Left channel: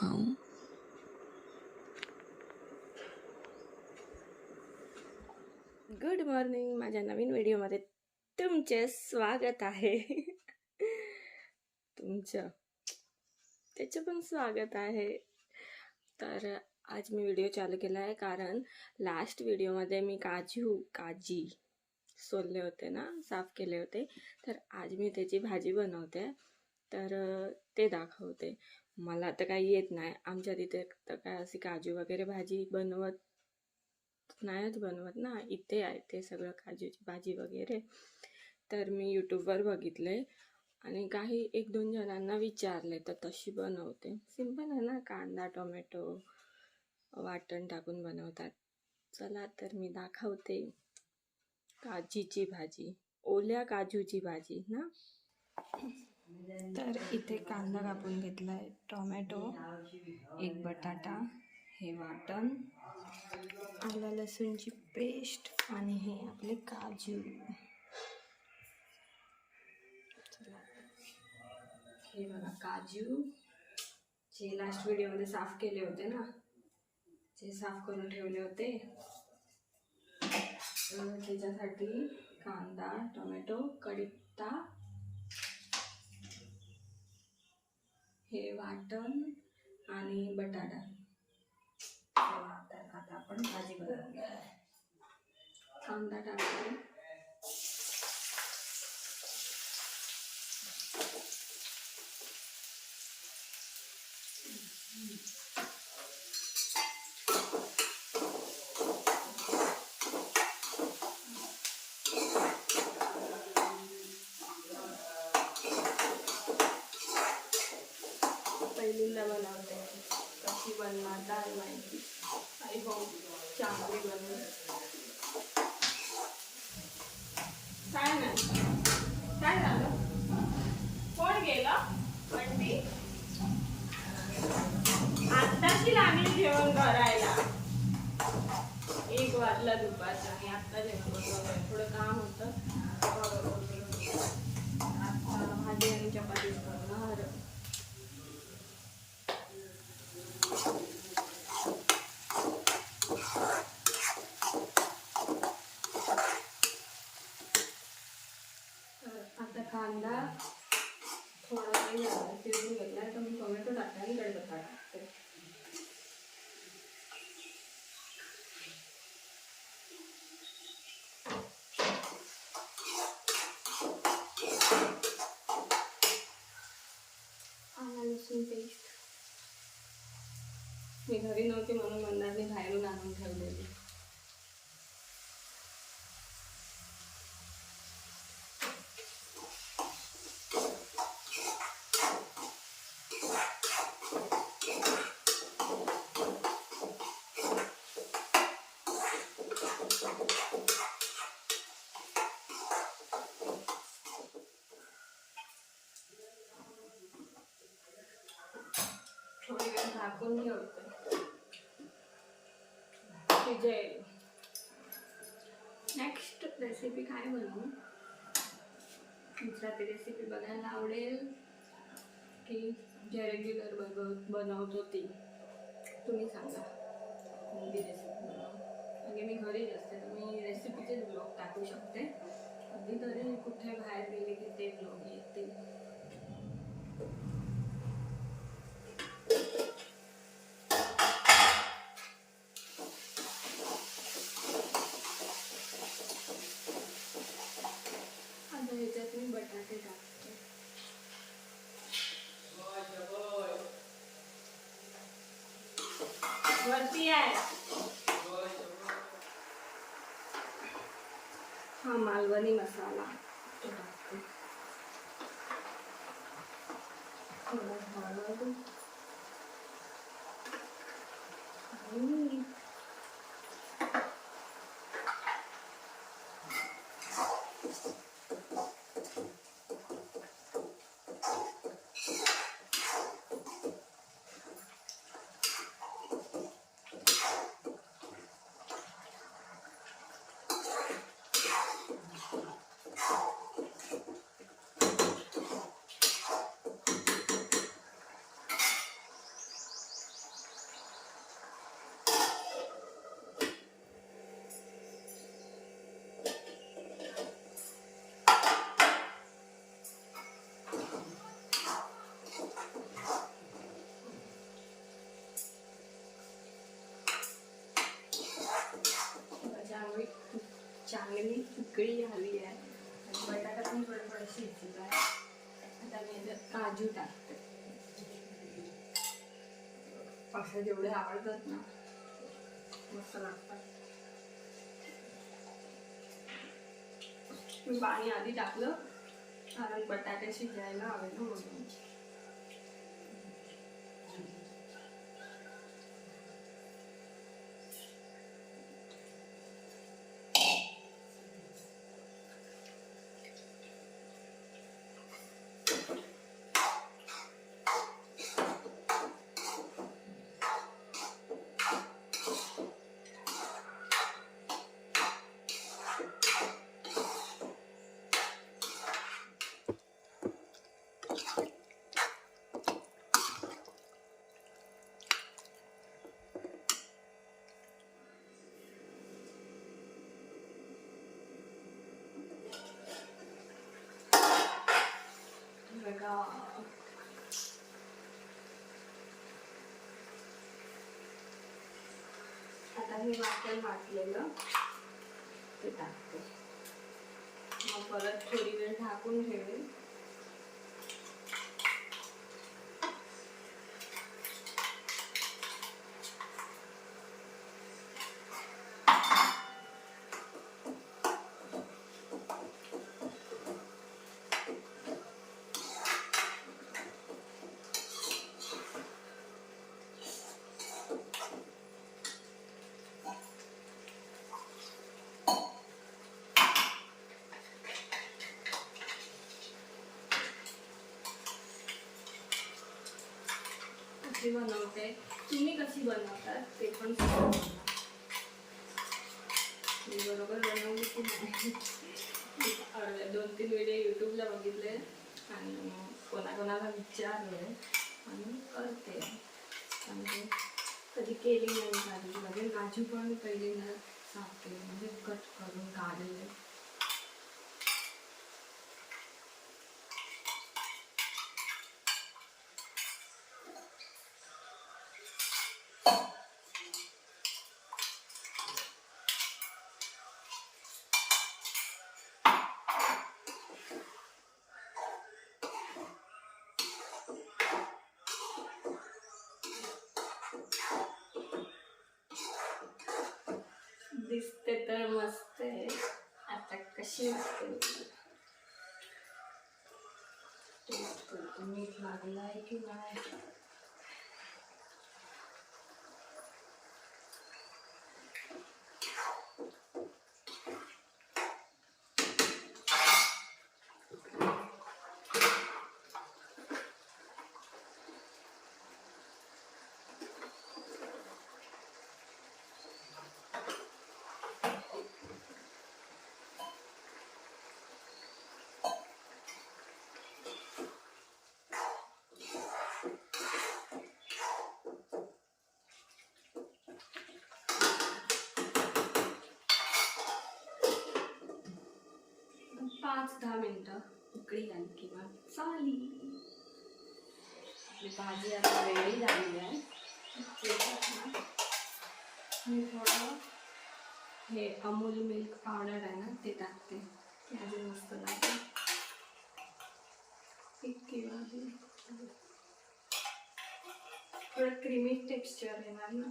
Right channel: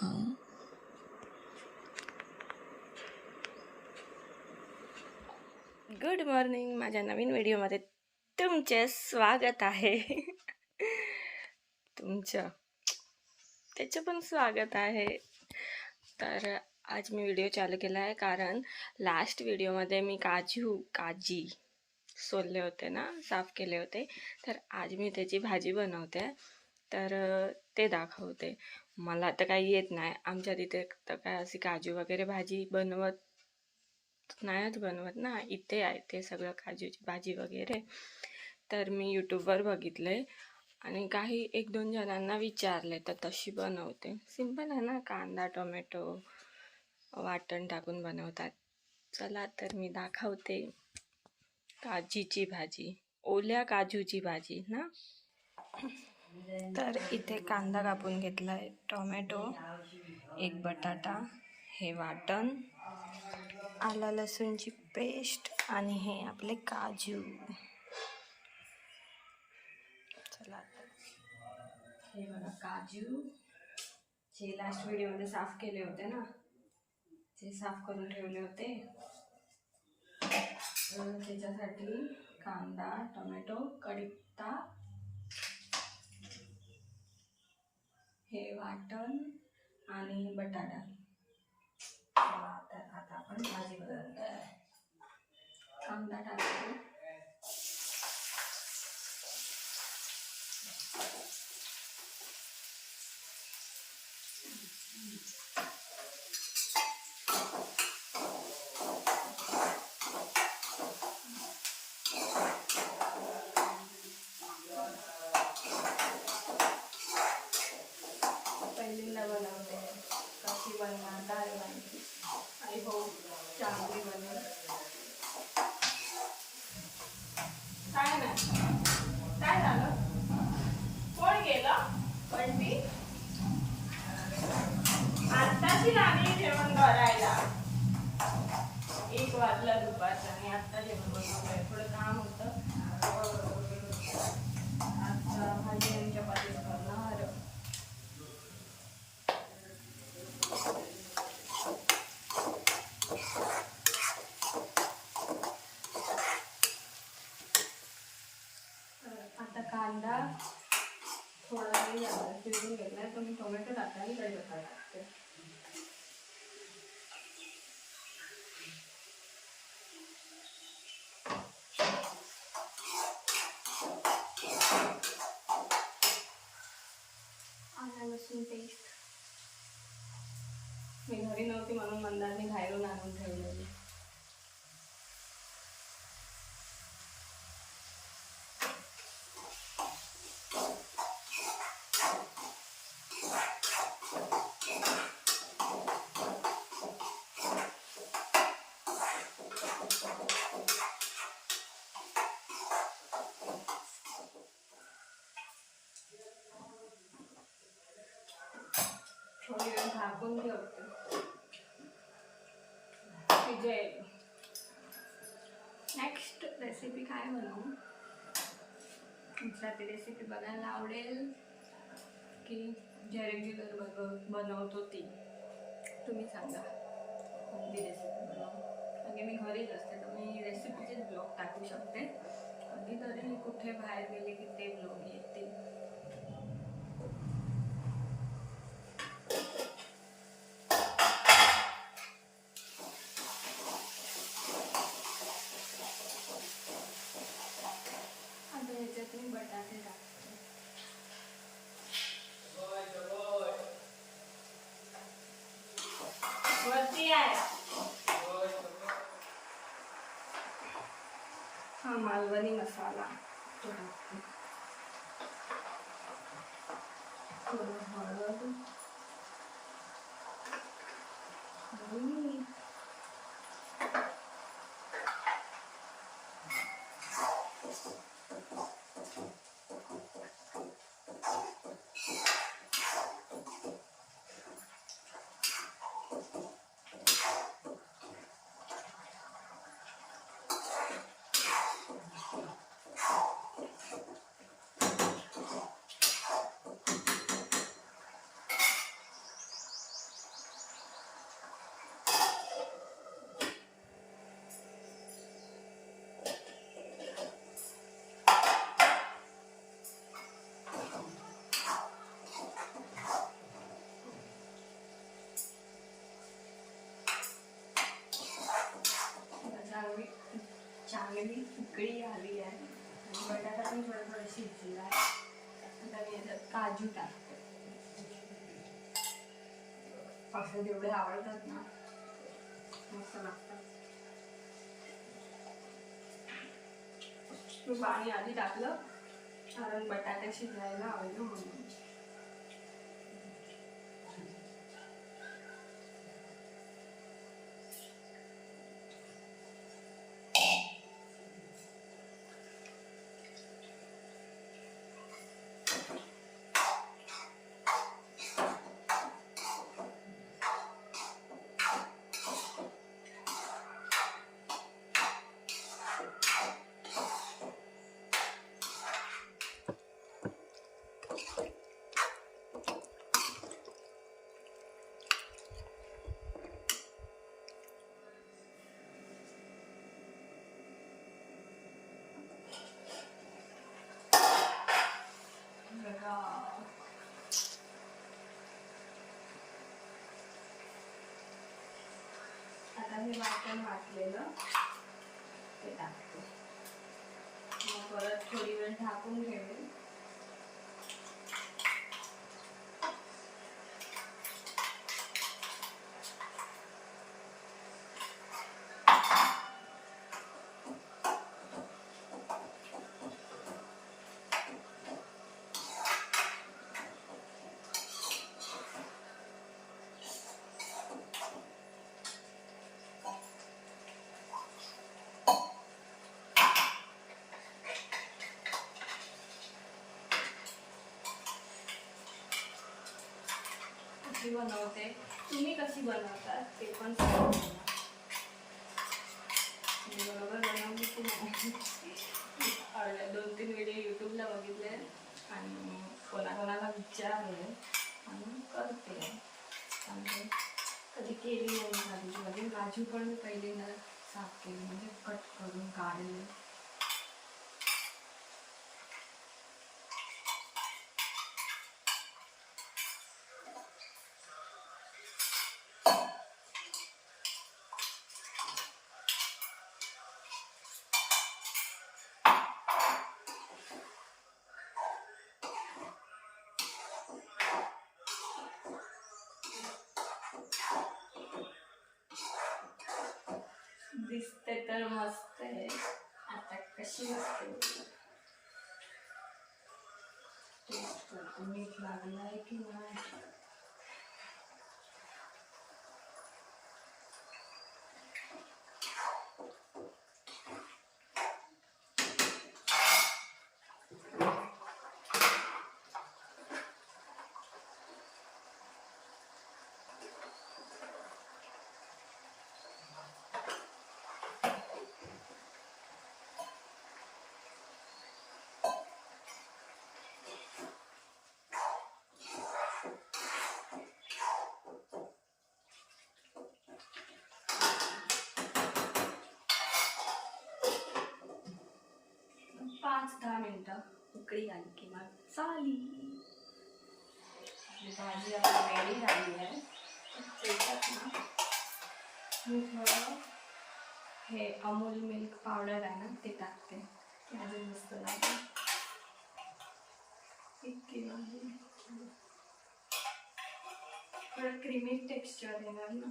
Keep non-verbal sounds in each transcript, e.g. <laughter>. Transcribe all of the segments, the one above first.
हां. Good morning माझ्या नवीन व्हिडिओमध्ये तुमचे स्वागत आहे. तुमचं त्याचं पण स्वागत आहे. तर आज मी व्हिडिओ चालू केला आहे कारण लास्ट व्हिडिओमध्ये मी काजू काजी सोलले होते ना साफ केले होते. तर आज मी त्याची भाजी बनवते. तर ते दाखवते. मला तर काही येत नाही. आमच्या तिथे तर काय अशी काजू वगैरे भाजी बनवत नाहीच बनवत ना. इथे आहे ते सगळं काजूची भाजी वगैरे. तर मी यूट्यूबवर बघितले आणि काही एक दोन जणांना विचारले तर तशी बनवते. सिंपल आहे ना कांदा टोमॅटो वाटण टाकून बनवतात. चला तर मी दाखवते. काजीची भाजी ओल्या काजूची भाजी ना. तर इथे कांदा कापून घेतला आहे टोमॅटो एक बटाटा हे वाटण आला लसूणची पेस्ट आणि हे आपले काजू चला आता. हे बघा काजू जे लास्ट व्हिडिओमध्ये साफ केले होते ना जे साफ करून ठेवले होते त्याच्यासाठी कांदा टोमॅटो कढीपत्ता हे वाटण आणि बटाटा. तर आता आपण भाजी बनवूया. कांदा टाकतो पहिल्यांदा बनवते. कशी बनणार काय माहिती. आई हो चांगली बनेल काय नाही. काय झालं? कोण गेलं? बंटी आत्ताची लागली जेवण करायला एक वाजला दुपारचं आणि आत्ता जेवण बनवतोय. थोडं काम होतं. आता भाजी आणि चपातीच करणार तर आता कांदा थोडा काही झाला शिजून घेतला तर मी टोमॅटो टाकते आणि कढीपत्ता टाकते आला लसूण पेस्ट मी घरी नव्हती म्हणून मंदारनी बाहेरून आणून ठेवलेली. थोडी वेळ झाकून ठेवते. शिजेल नेक्स्ट रेसिपी काय बनवू? तुमचा ती रेसिपी बघायला आवडेल की जे रेग्युलर बनव बनवतो ती. तुम्ही सांगा. कोणती रेसिपी बनवू? म्हणजे मी घरीच असते तर मी रेसिपीचेच ब्लॉग टाकू शकते. कधीतरी कुठे बाहेर गेले की ते ब्लॉग येतील. आता ह्याच्यात मी बटाटे टाकते. वरती आहे. हा मालवणी मसाला तो टाकते थोडं हळद आणि मीठ. चांगली उकळी आली आहे. आणि बटाटा पण थोडं थोडं शिजला आहे आता मी याच्यात काजू टाकते. असं जेवढे आवडतात ना. मस्त लागतात. मी पाणी आधी टाकलं. कारण बटाटे शिजायला आवडलं म्हणून बघा आता हे वाटण वाटलेलं. ते टाकते. मग परत थोडी वेळ झाकून ठेवेल कशी बनवते तुम्ही कशी बनवतात ते पण बरोबर बनवली की नाही? अर्ध्या दोन तीन व्हिडिओ यूट्यूबला बघितले आणि कोणाकोणाला विचारले आणि करते. आणि कधी केली नाही झाली म्हणजे काजू पण मी पहिल्यांदा साफ केली म्हणजे कट करून काढले. दिसते तर मस्त आहे. आता कशी असते टेस्ट करतो मीठ लागलं आहे की नाही? पाच दहा मिनटं उकळी आली किंवा चाली. भाजी आता वेळी झाली आहे. ना मी थोडं हे अमूल मिल्क पावडर आहे ना ते टाकते. ते अजून मस्त लागते थोडं क्रीमी टेक्स्चर येणार ना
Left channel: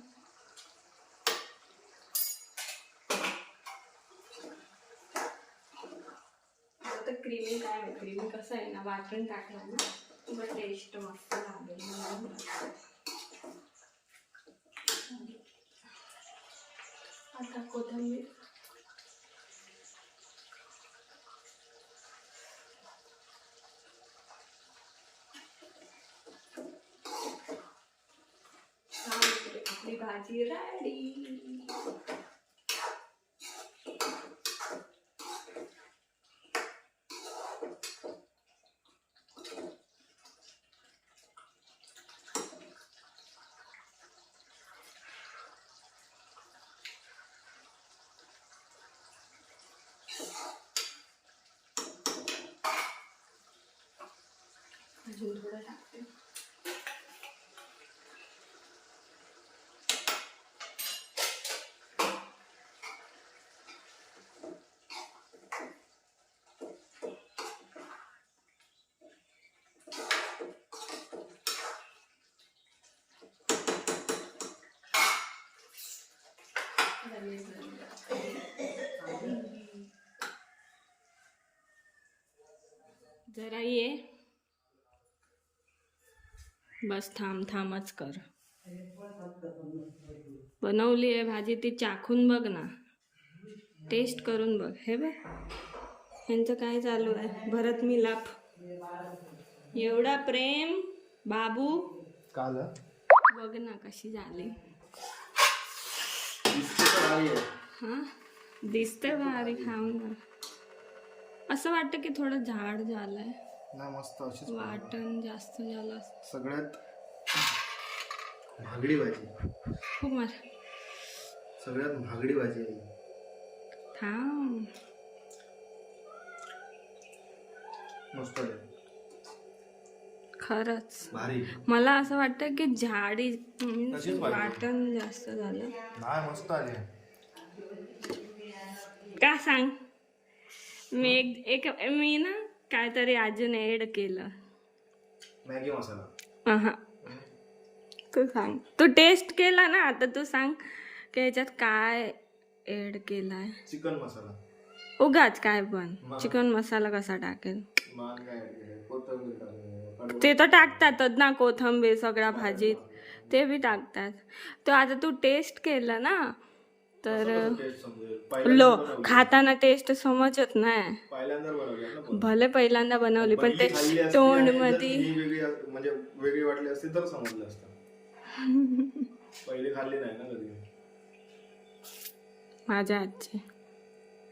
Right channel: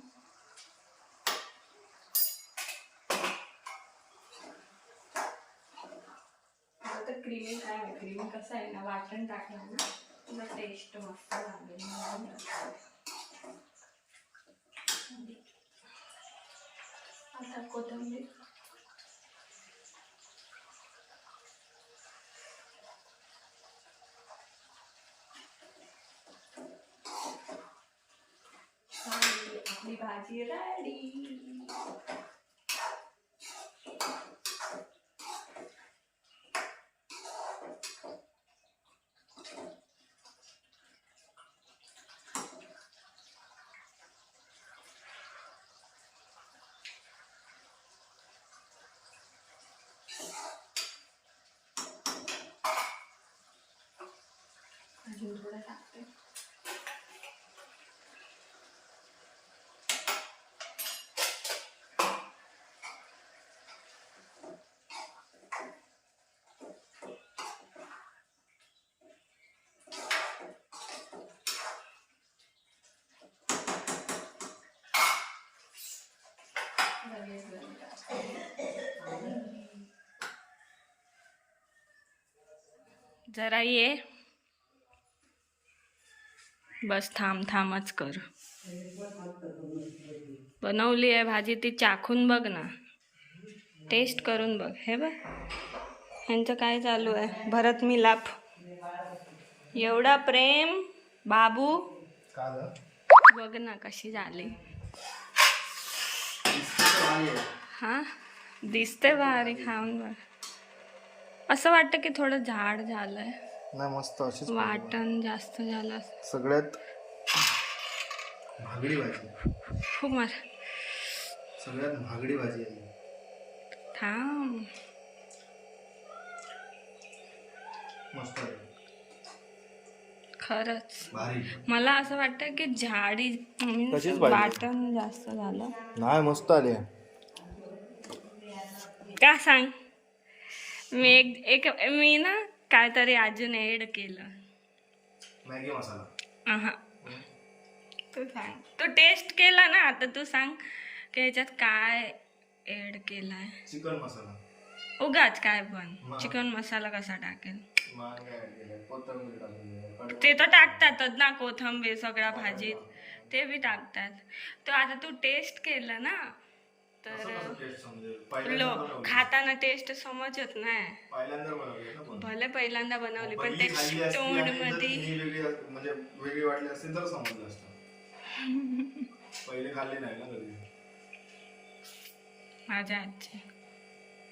आता क्रीमी काय नाही क्रीमी कसं आहे ना वाटण टाकलं ना तुझं टेस्ट मस्त लागेल. आता कोथंबीर. आपली भाजी राय अजून थोडं टाकते. जरा ये. बस थांब थांबच कर. बनवली आहे भाजी ती चाखून बघ ना. टेस्ट करून बघ. हे बघ. ह्यांचं काय चालू आहे? भरत मिलाप. एवढा प्रेम बाबू. बघ ना कशी झाली. हां? हा दिसते भारी खाऊन बघ. असं वाटतं की थोडं झाड झालं आहे नाही मस्त अशीच वाटण जास्त झालं. सगळ्यात महागडी भाजी. खूप मार सगळ्यात महागडी भाजी आहे ही. थांब. मस्त आहे. खरंच. भारी. मला असं वाटतं की झाडी means तशीच पाहिजे. वाटण जास्त झालं. नाही मस्त आले. का सांग? मी एक एक मी ना काहीतरी अजून ऍड केलं. मॅगी मसाला. अहा. तू सांग. तू टेस्ट केला ना आता तू सांग की ह्याच्यात काय ऍड केलाय. चिकन मसाला. उगाच काय पण? चिकन मसाला कसा टाकेल? मग काय केलंय? कोथिंबीर टाकली, कडू- ते तर टाकतातच ना कोथंबीर सगळ्या भाजीत. ते बी टाकतात. तो आता तू टेस्ट केलं ना तर? लो. खाताना टेस्ट समजत नाही. भले पहिल्यांदा बनवली पण ते तोंडमध्ये वेगळी म्हणजे वेगळी वाटली असती तर समजलं असतं. पहिले खाल्ली नाही ना कधी. माझ्या हातची.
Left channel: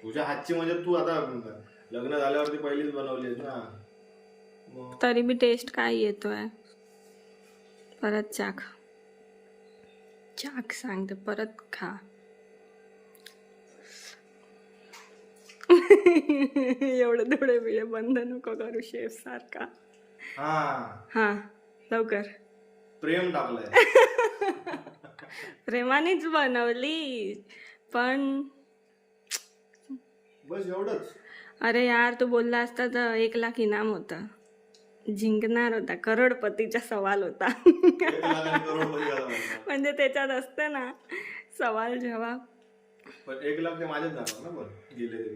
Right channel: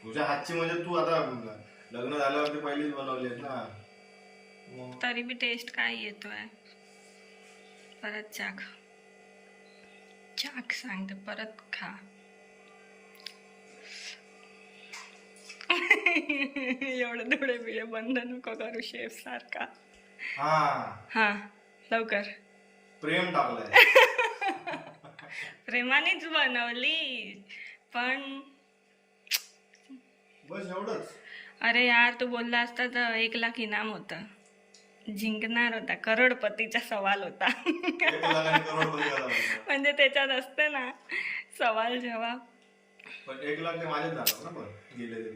तुझ्या हातची म्हणजे तू आता लग्न झाल्यावरती पहिलीच बनवली ना. तरी बी टेस्ट काय येतोय? परत चाख चाख सांगते परत खा. <laughs> एवढं थोडे बिळे बंद नको करू शेफ सारखा. हा. हा लवकर. प्रेम टाकलंय. <laughs> प्रेमानेच बनवली पण बस एवढंच. अरे यार तू बोलला असता तर एक लाख इनाम होता. जिंकणार होता करोडपतीचा सवाल होता. एक लाखाने करोडपती झाला म्हणतात. म्हणजे त्याच्यात असते ना सवाल जवाब पण एक लाख ते जाणार ना पण गेले तरी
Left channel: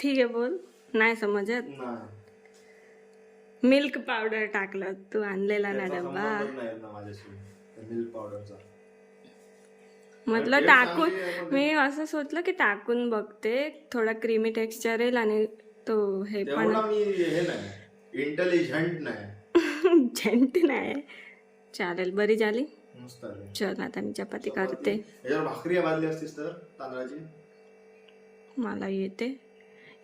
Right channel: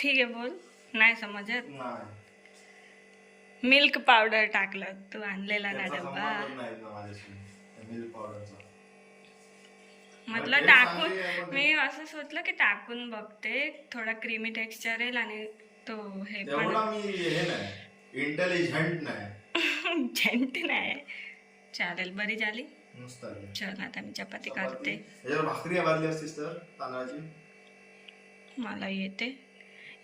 ठीक आहे बोल. नाही समजत? मिल्क पावडर टाकलं. तू आणलेला ना डब्बा. म्हटलं टाकून मी असं सोचलं की टाकून बघते. थोडा क्रीमी टेक्स्चर येईल आणि तो हे पण हे इंटेलिजंट नाही. झेंट <laughs> नाही. चालेल. बरी झाली? चल आता मी चपाती करते. भाकरी मला येते.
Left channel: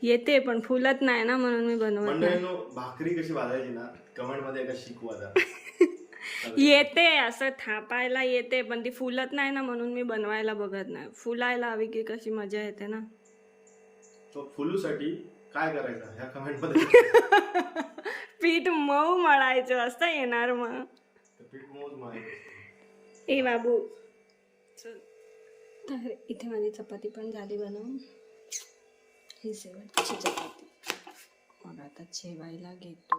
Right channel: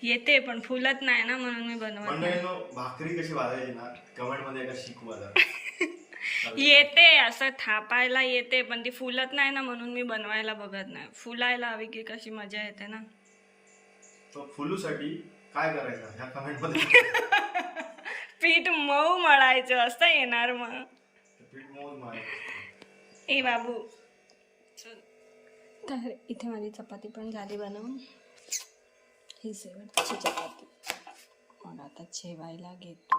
येते पण फुलत नाही ना म्हणून मी बनवत नाही. मंडळीनो भाकरी कशी भाजायची ना कमेंटमध्ये एकदा शिकवा जरा. <laughs> येते असं थापायला येते पण ती फुलत नाही ना म्हणून मी बनवायला बघत नाही. फुलायला हवी की कशी मजा येते ना. तो फुलूसाठी काय करायचं? ह्या कमेंटमध्ये <laughs> पीठ मऊ मळायचं असं येणार मग. ते पीठ मौज मारायचं. ए बाबू चल. तर इथे माझी चपाती पण झाली बनवून. ही शेवटची चपाती? मग आता जेवायला घेतो.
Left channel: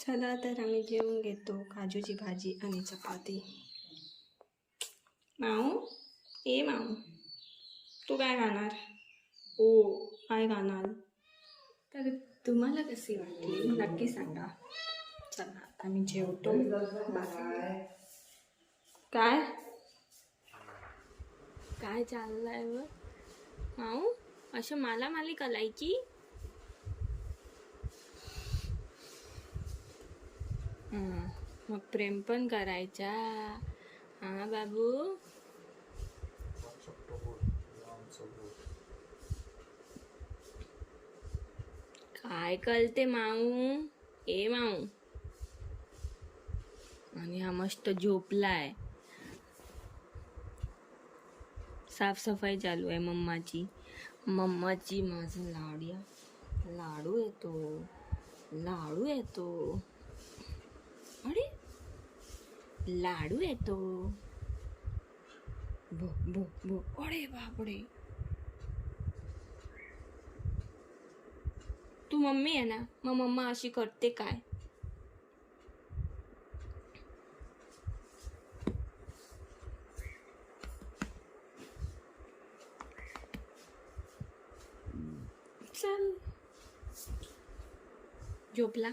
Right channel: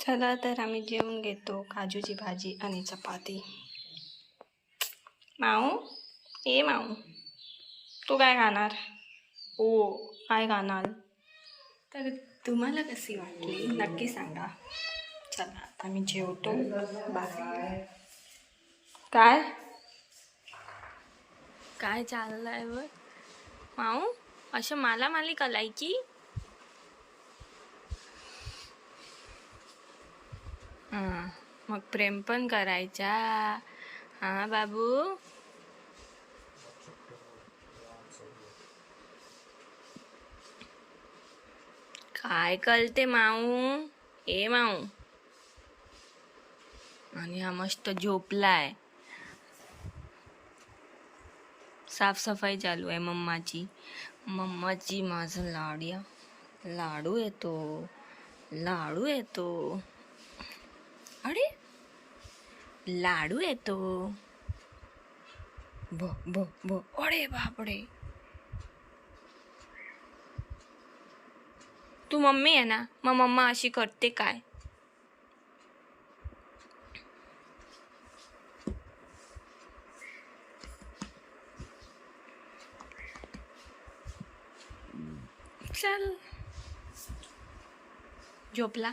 चला तर आम्ही जेवून घेतो काजूची भाजी आणि चपाती. माऊ? ए माऊ. तू काय खाणार? ओ काय खाणार? तर तुम्हाला कशी वाटली? नक्की सांगा. चला आता मी जेवतो. बाय. काय? काय चाललंय व माऊ असं मला माली कलायची हां मग प्रेम पण करायचा. हां बाबू. काय कळते माऊ? ए माऊ. आणि हा मस्त झोपलाय. साफसफाई चालू आहे मम्माची. मम्माची माझं लाडया. लाडू येतो. लाडू येतो. अरे लाडू येतो. भो ब ब अरे बापडे तू मम्मी आहे ना? मग मम्मा अशी करते काय? चल. झोपला.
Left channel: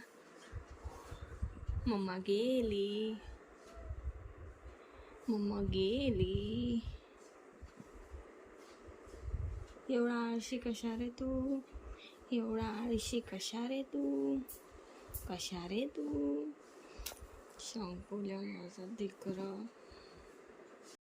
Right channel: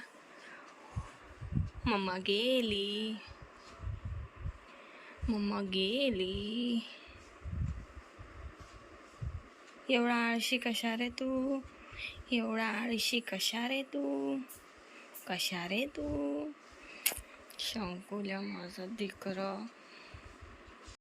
मम्मा गेली. मम्मा गेली. एवढा आळशी कशा रे तू? एवढा आळशी कशा रे तू? कशा रे तू? शंकुल्या माझा दिकरं.